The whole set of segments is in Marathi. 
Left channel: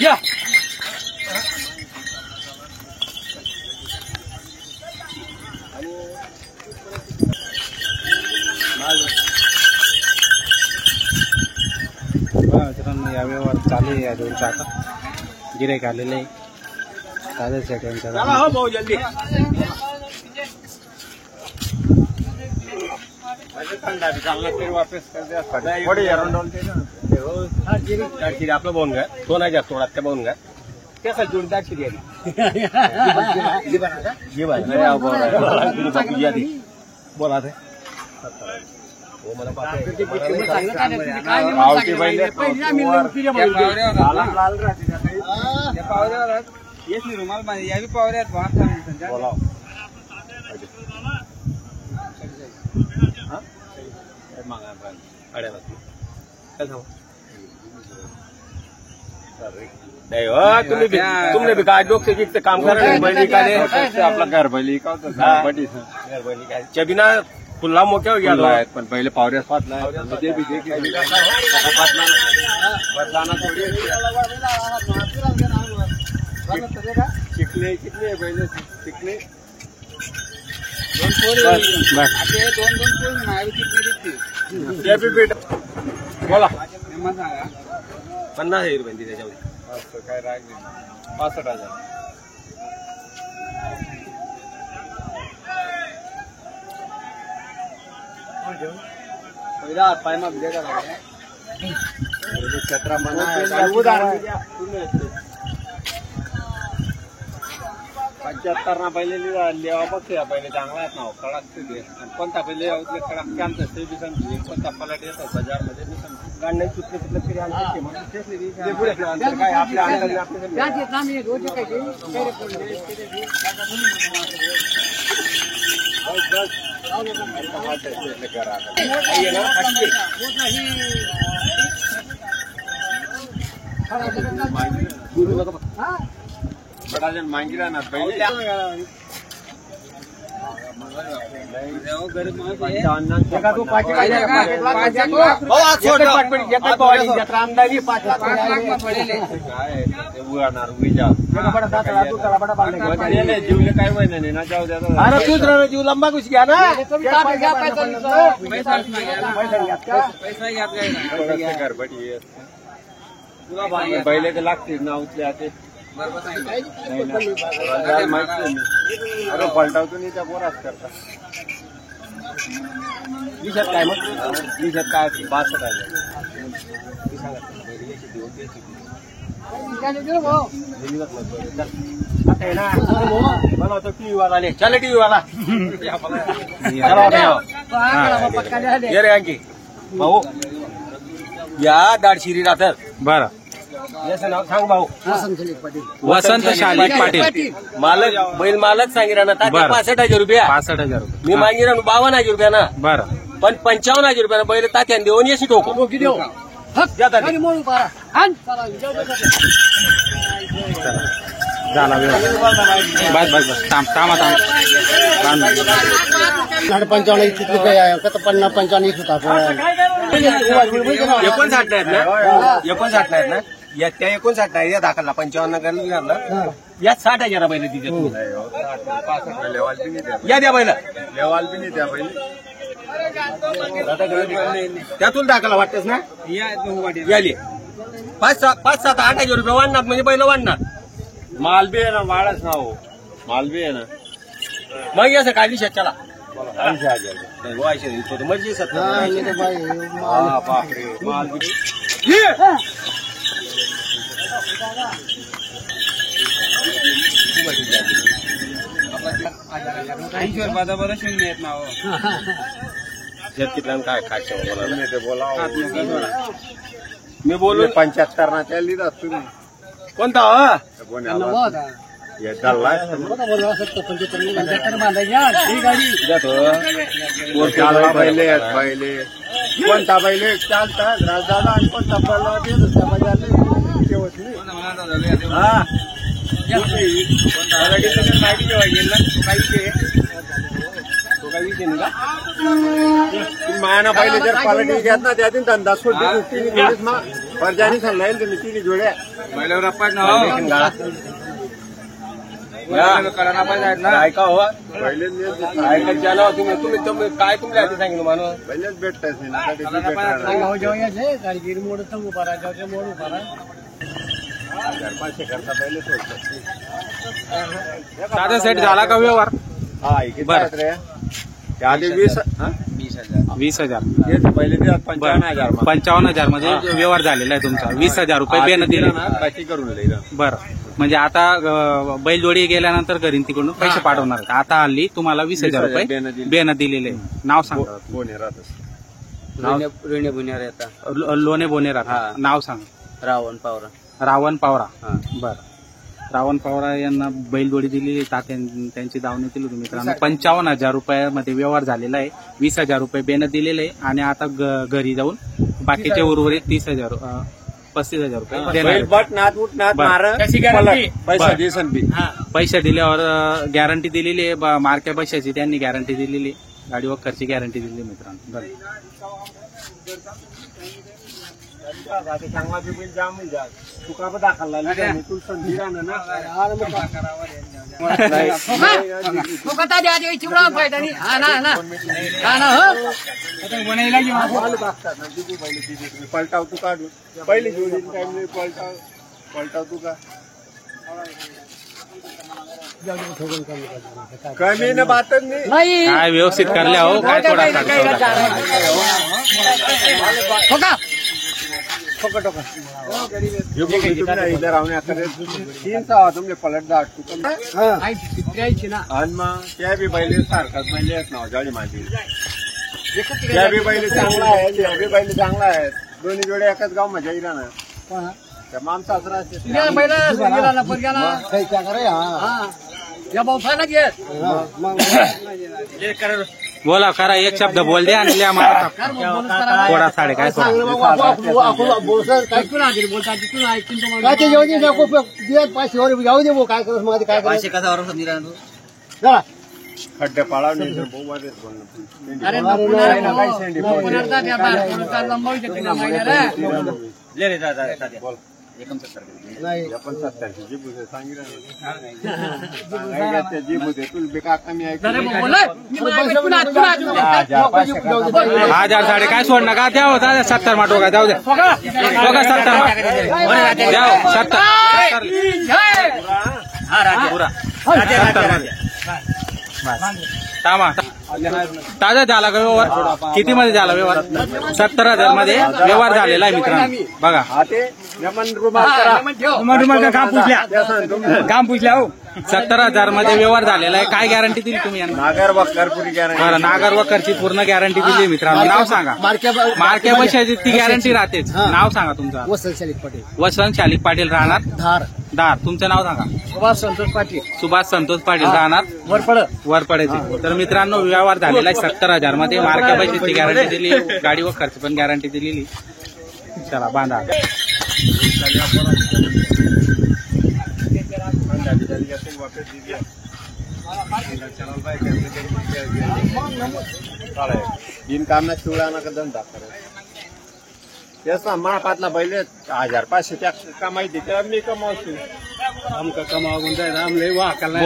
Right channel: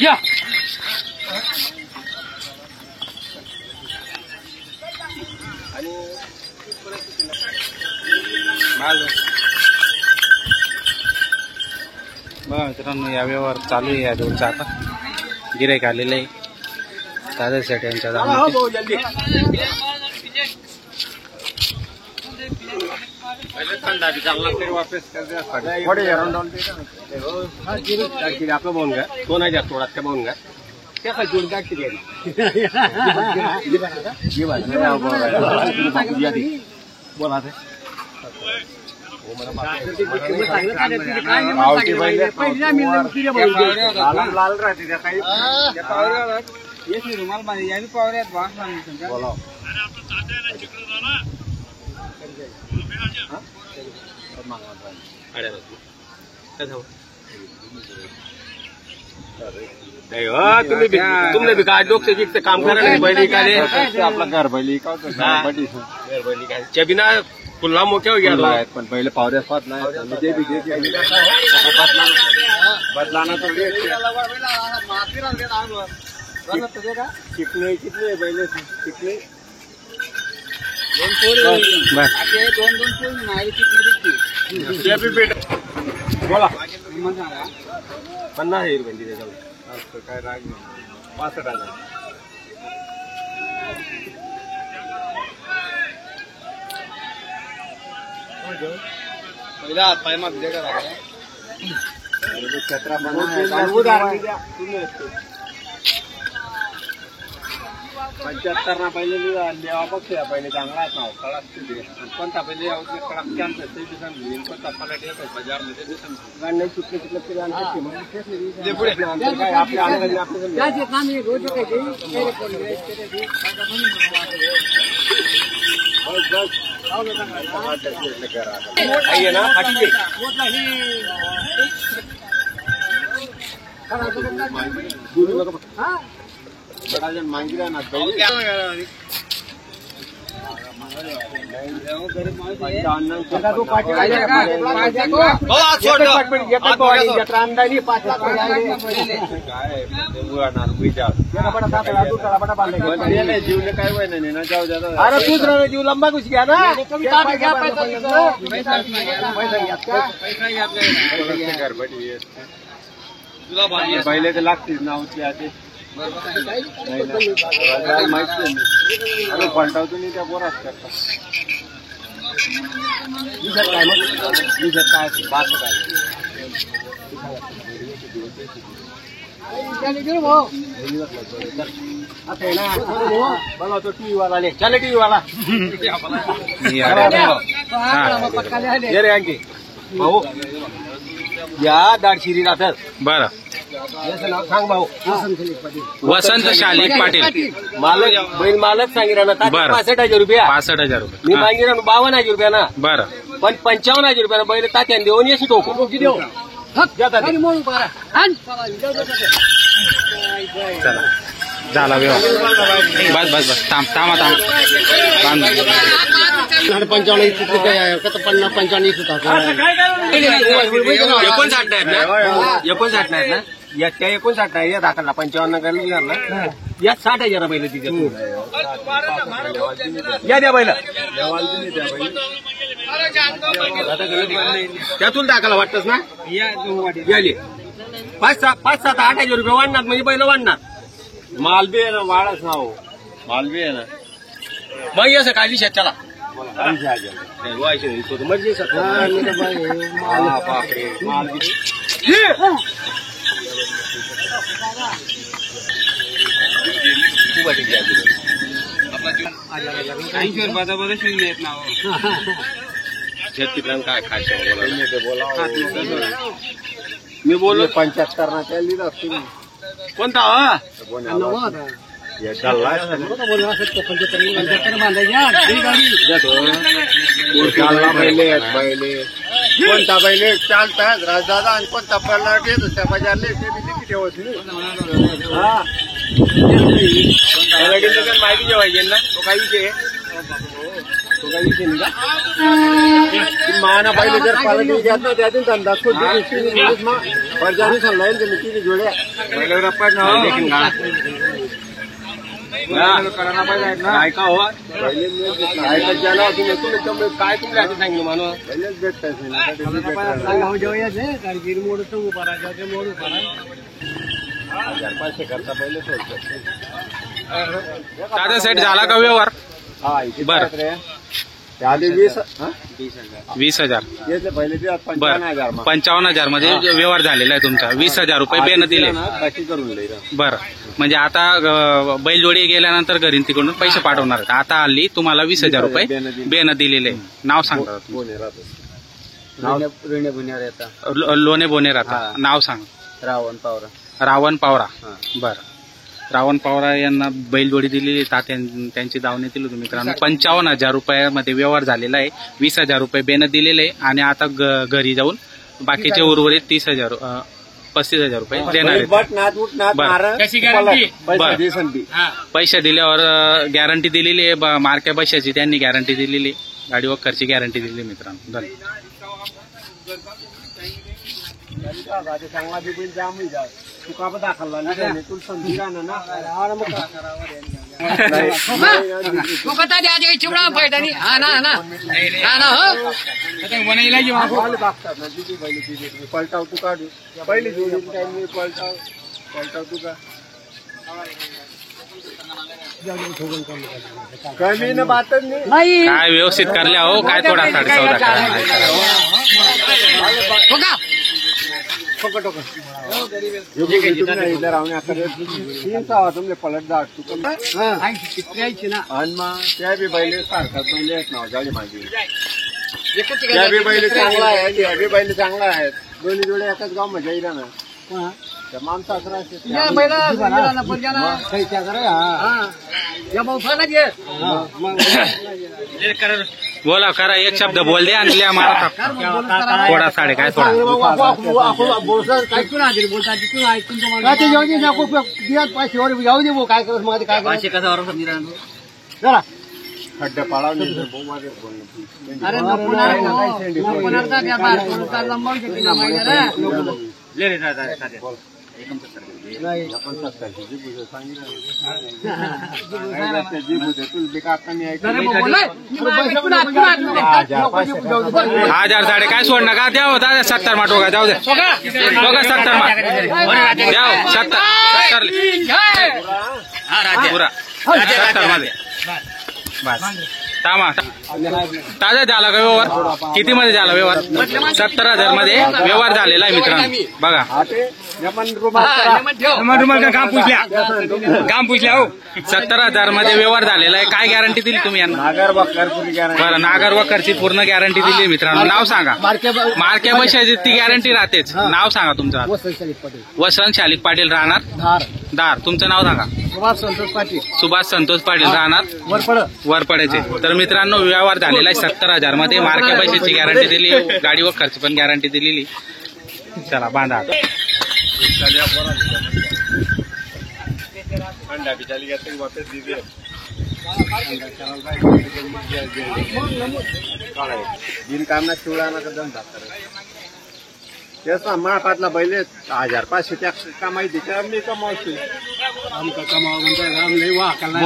या मित्रांनो या व्यवहार चालू आहे या जोडचा आता गिराईक आलेले आहे दादा सेठ यांच्या आपलं बोन घ्या 2000 सोळा त्या बोन घ्या त्याचा जोड दाखली बोला लाल राहते रुमाल या पावऱ्यात बोला तुमने भी गाड़ डोक से काम कर आपला घर बैली का बिना खुल्ला मोठ्या गेला पण पहिले पावऱ्यात पाच नाही शिकले कितले पहिले शिकले बोला 50,000 रुपये त्याच्यावर काय राग नाही 65,000 पहिला हात पाय माग दे का 75 ना पहिले लेवा बघूया पहिले चांगला आहेत ना कडक कोणता पहिले कडक कॅम्प ते दिवसांनी कोणता पलाट येत आहे बाजारमध्ये गांडे सुटले सुटले तरी आणते म्हणून काय आपल्या अंदाजे बड़ा मांगिरा ना पहले गरीब जीवले काय वय नाही ना जाऊ अरे तूच जीव लंबा कुछ घ्या ना तुला पहिले तर लागतील ना उचले आते पलटावतो नाही का बोराच करता विषात काय मग विषात काय 62,000 बनवतो टीव्ही वाला चले टीव्ही वाला ये रे आणखी भाऊ या दाडशिरी राहतात बरं नाव सांग भाऊ वसंत शालिक पाटील मालक बैल मालक सांगितलं ना 65,000 रुपया 65,000 रुपये मी मागितलं 52,000 रुपया ना बरं पण 55,000 रुपयाला बैल तात्याने देऊन येशी ठोको चला झाला व्यवहार बस बस बस थांब 59 या त्या 59 आहे या दाखलला 55 करली ना या 60,000 बैल तिथे या द्या बैल त्यातून दाखला वाटतच ना याले 5-7-8 हजार रुपये वाढणार म्हणजे बैल वाढणार माल बी आहे ना वाढच ना हो माल बी आहे ना मग असं काढली शेतच्याला 80,000 म्हणजे माल मी बोलले 75 ना त्या लिहिला तुम्ही कोणता बैले कोणता बैले चालतात राजदादा आणि कोणता पल्लाट येतो त्या बाजारले माहिती पाहिजे ना तो काही विषय नाही का माना पहिले जर पालटी घेत ना त्यातून धंदा परजानी सांगला येईल तुम्ही तिने जोड्या ऐका हो तुम्ही काय तुम्ही सांगितलं मानव पहिलेच भेटताय दादा सेट झाला का व्यवहार? बरं. आधी 20,000 पहिले ते 55,000 55,000 मध्ये व्यवहार झालेला आहे तुमचा. 20,000 रुपये बेन दिले. बाकी करून लिहिलं. बरं, म्हणजे आता बैलजोडी गेल्यानंतर घरी तिकडून पैसे पाठवणार आहेत. आता हल्ली तुम्हाला 20,000 रुपये बेन दिलेले. नाव सांगा. लोणे बोने राहता. नाव सांग. रावण पावरा. बरं, रावण पवार यांना बैलजोडी दिलेली त्यांची दावणी दिली होती मित्रांनो. 55,000 रुपयामध्ये व्यवहार झालेला आहे. 20,000 रुपये बेन दिलेले आहे आणि आता घरी जाऊन बाकीचे उर्वरित 35,000 रुपये देणार आहेत. पैसे दिल्यावर गॅरंटी दिलेली आहे. मार्क्या पैशाची त्यांनी गॅरंटी दिलेली. गाडी वखरची गॅरंटी दिली मित्रांनो. पलटाव तू काढू पहिली जोडी पलटाव तू का कमी ना बातच नाही. काय व्यवस्थित करल्या हो. काय थोडा 14.5 करा. इधर आवणे आता 3 सहा तुमले पलट दा आणि मग त्या बी बैले सारखाच बैले आहेत ना जाळी माझी. त्या बी बैले चांगला आहे. त्या बी बैले चांगला आहेत. दोन्ही जोडे एकाच गाव मध्ये येईल ना. त्या माणसा बोला करा. एक शब्द बोल द्या आणि लिहा मारा. थोडा साडे काय थोडा खड्डे पाळा हजार साडे काय सोड नका. द्या होता 70 मा टोका. जाऊ द्या टोका 70 मा द्या. 70 पुरा 70 मध्ये बस. तामा ताजा झाला का व्यवहार? किती मध्ये झाला व्यवहार? 70,000 मध्ये व्यवहार झालेला आहे मित्रांनो. बघा काम पुसल्या हो. 70,000 मध्ये व्यवहार झालेला आहे. काय गॅरंटी दिली तुम्ही यांना? बरं, नागर वखरची पूर्ण गॅरंटी दिली मित्रांनो. नाव सांगा. मार्क्या पैशाची ती गॅरंटी राहतेच. नाव सांगा तुमचं. वसंत शालिक पाटील राहणार धार. तुमचं नाव सांगा. सुभाष संतोष पाटील राहणार वरपड्याचे. तर मित्रांनो व्यवहार झालेला आहे 70,000 मध्ये. मार्क्या पैशाची गॅरंटी दिली. गाडी वखरची पण गॅरंटी दिलेली. चला बांधा. बिनकामना शिवळाना कदम दाखल तेच महापातला बैले 1,500 टॅक्स कमाई तर मी कमावतो. आमका कमावा म्हणताय आमले वा कल्ला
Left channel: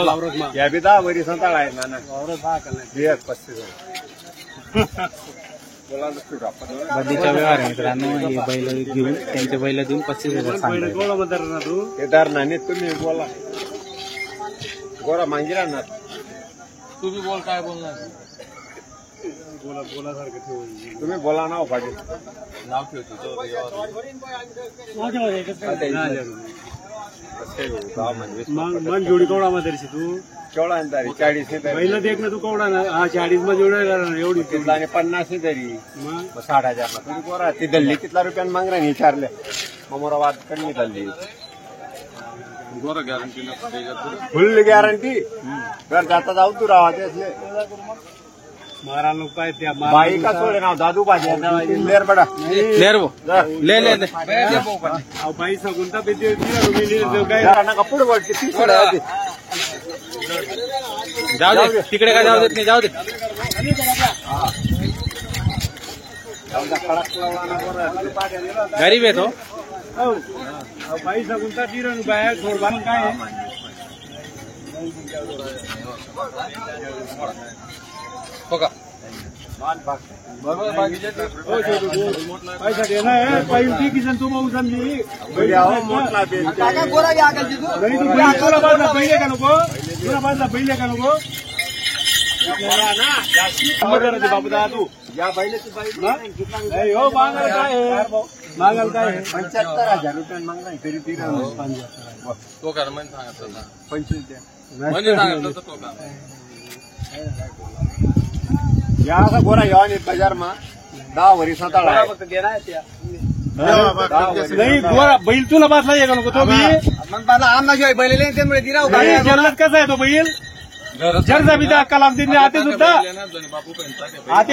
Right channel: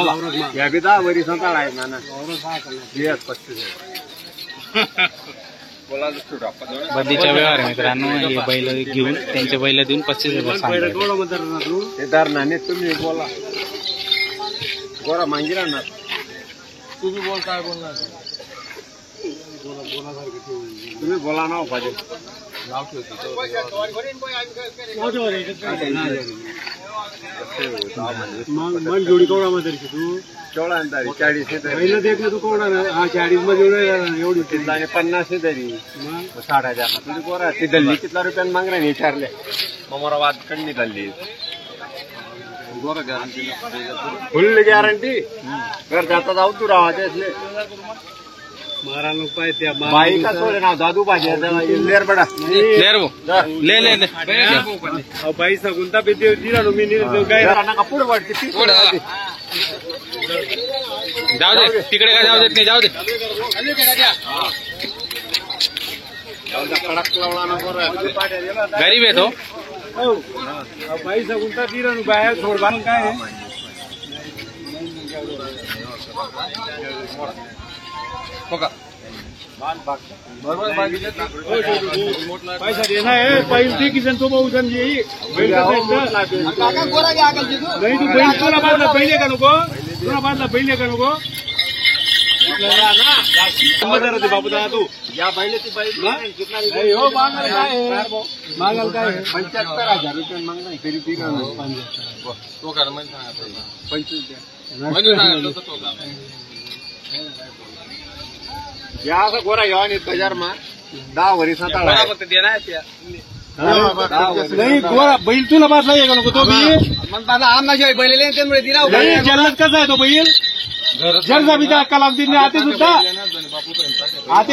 या बी 10 वरी संताळ आहे ना 35 बदलीचा व्यवहार आहे मित्रांनो. हे बैल घेऊन त्यांचे बैल देऊन 35,000 सांगितले. ते दार नाही तुम्ही बोला. गोरा मांगिरा ना तुम्ही बोल. काय बोलणार तुम्ही बोला ना पाहिजे. नाव ठेवतो मन जोडी कवडा मध्ये तू केवढा 40 पहिलं देखलं तू कवडा ना. हा 40 मध्ये एवढी 50 तरी 60,000 तुझी कोरा ती दल्ली कितला रुपयान मागण्या विचारल्या. मग मला वाद कडणी दल्ली गोरा गॅरंटी फुल गॅरंटी घर जाता जाऊ तू राहायचे असले मारा लोक पाहिजे. बाई का सोडे नाव दादू पाहिजे लेर बडा लेर वो ले ले ले बाई सगुंता पेती दिला मी काय पुढे वाटते. जाऊ दे तिकडे काय जाऊ देत नाही. जाऊ दे गरीब आहे तो. पैसा गुंता 3 रुपये थोड बांध काय हो का पैसा देना है पैसे किसान तो बहुत समझी पहिले का नको तुला बांधला पहिले का नको बाबूदा तू या बैलाची बैल हो मागाल काय 75,000 रुपये मागणार तरी 3 तो कर म्हणजे 25 म्हणजे सांगितलं तर तो का या का गोरा या आणि 1000 मा 10 वरी 17 फक्त देना है नाही गोरा बैल तुला बात नाही का नको तो मग मला आमना बैल त्यामुळे दिला जल्लत कसा आहे तो बैल जरजाबिदा कलावदीने आते सुद्धा आते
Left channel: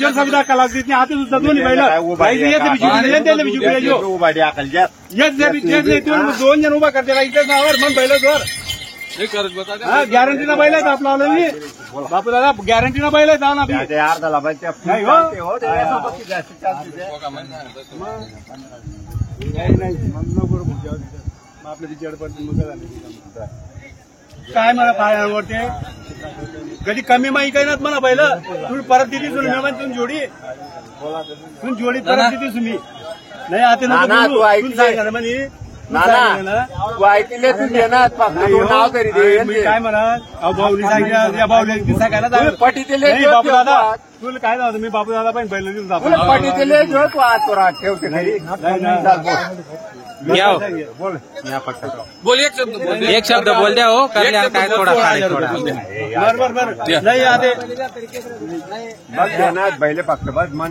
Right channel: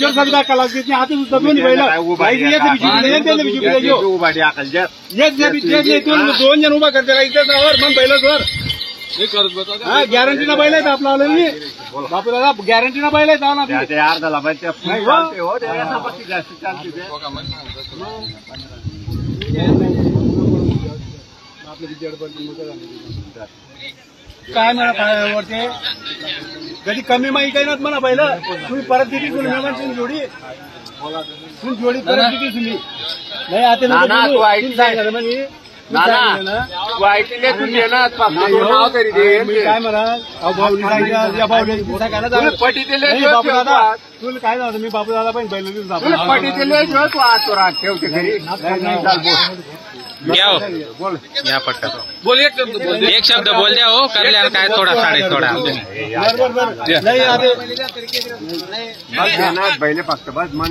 जरजाबिदा कलावदीने आते सुद्धा दोन्ही बैल दोन जण उभा करते मग बैल जोर गॅरंटीना बैल आहेत आपला बापू दादा गॅरंटीना बैल आहेत काय मला आवडते कधी कमी माही काही नात म्हणा पहिलं तुम्ही परत दिली तुम्ही मेहमान जोडी जोडी परत दिली तुम्ही नाही आता नको बोलू सांगा म्हणे काय म्हणा बाहुली सांगितलं या बाहुली सांगायला बापू दादा तुला काय झालं मी बापू दादा पण बैल देऊन या पटकन बोल एक शब्द बोल द्या हो कल्याण काय थोडा साडे थोडा बरोबर नाही आता बैले फक्त बस मन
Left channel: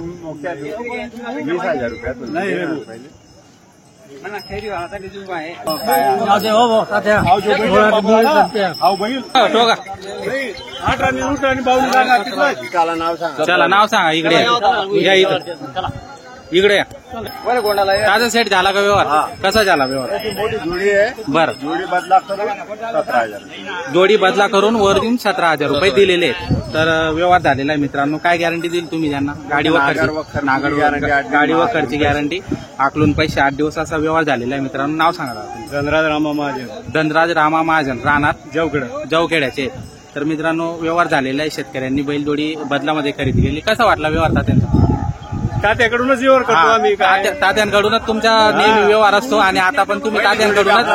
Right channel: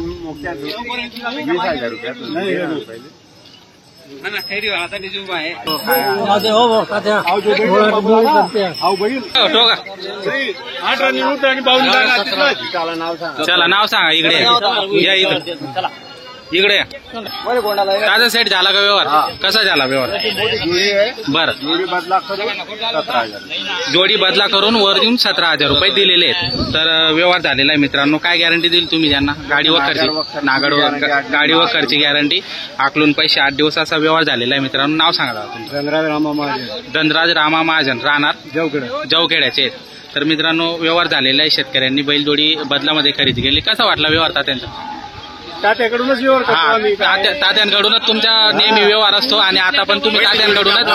20,000 रुपये नाही चला नाव सांगा इकडे या इथं इकडे ताजा सेट झाला का व्यवहार कसा झाला व्यवहार बर जोडी बदला करून वर देऊन 17,000 रुपये दिलेले आहेत तर व्यवहार झालेला आहे मित्रांनो काय गॅरंटी दिली तुम्ही त्यांना गाडी वखरची नागड गाडी वखरची गॅरंटी आकलून पैसे 8 दिवस असा व्यवहार झालेला आहे मित्रांनो नाव सांगा तुम्ही धनराज रामा महाजन राहणार जवखेड्याचे तर मित्रांनो व्यवहार झालेला आहे शेतकऱ्यांनी बैलजोडी बदलामध्ये खरेदी केली कसा वाटला व्यवहार त्यांचा तात्याकडूनच व्यवहार तात्यांकडूनच तुमचा नेहमी व्यवहार असतो आणि आता पण तुम्ही तात्यांकडूनच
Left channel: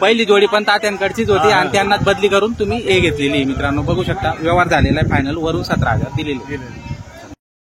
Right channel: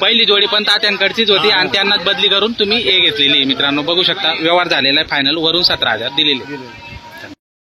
पहिली जोडी पण तात्यांकडचीच होती आणि त्यांनाच बदली करून तुम्ही हे घेतलेली मित्रांनो बघू शकता व्यवहार झालेला आहे फायनल वरून 17,000 दिलेले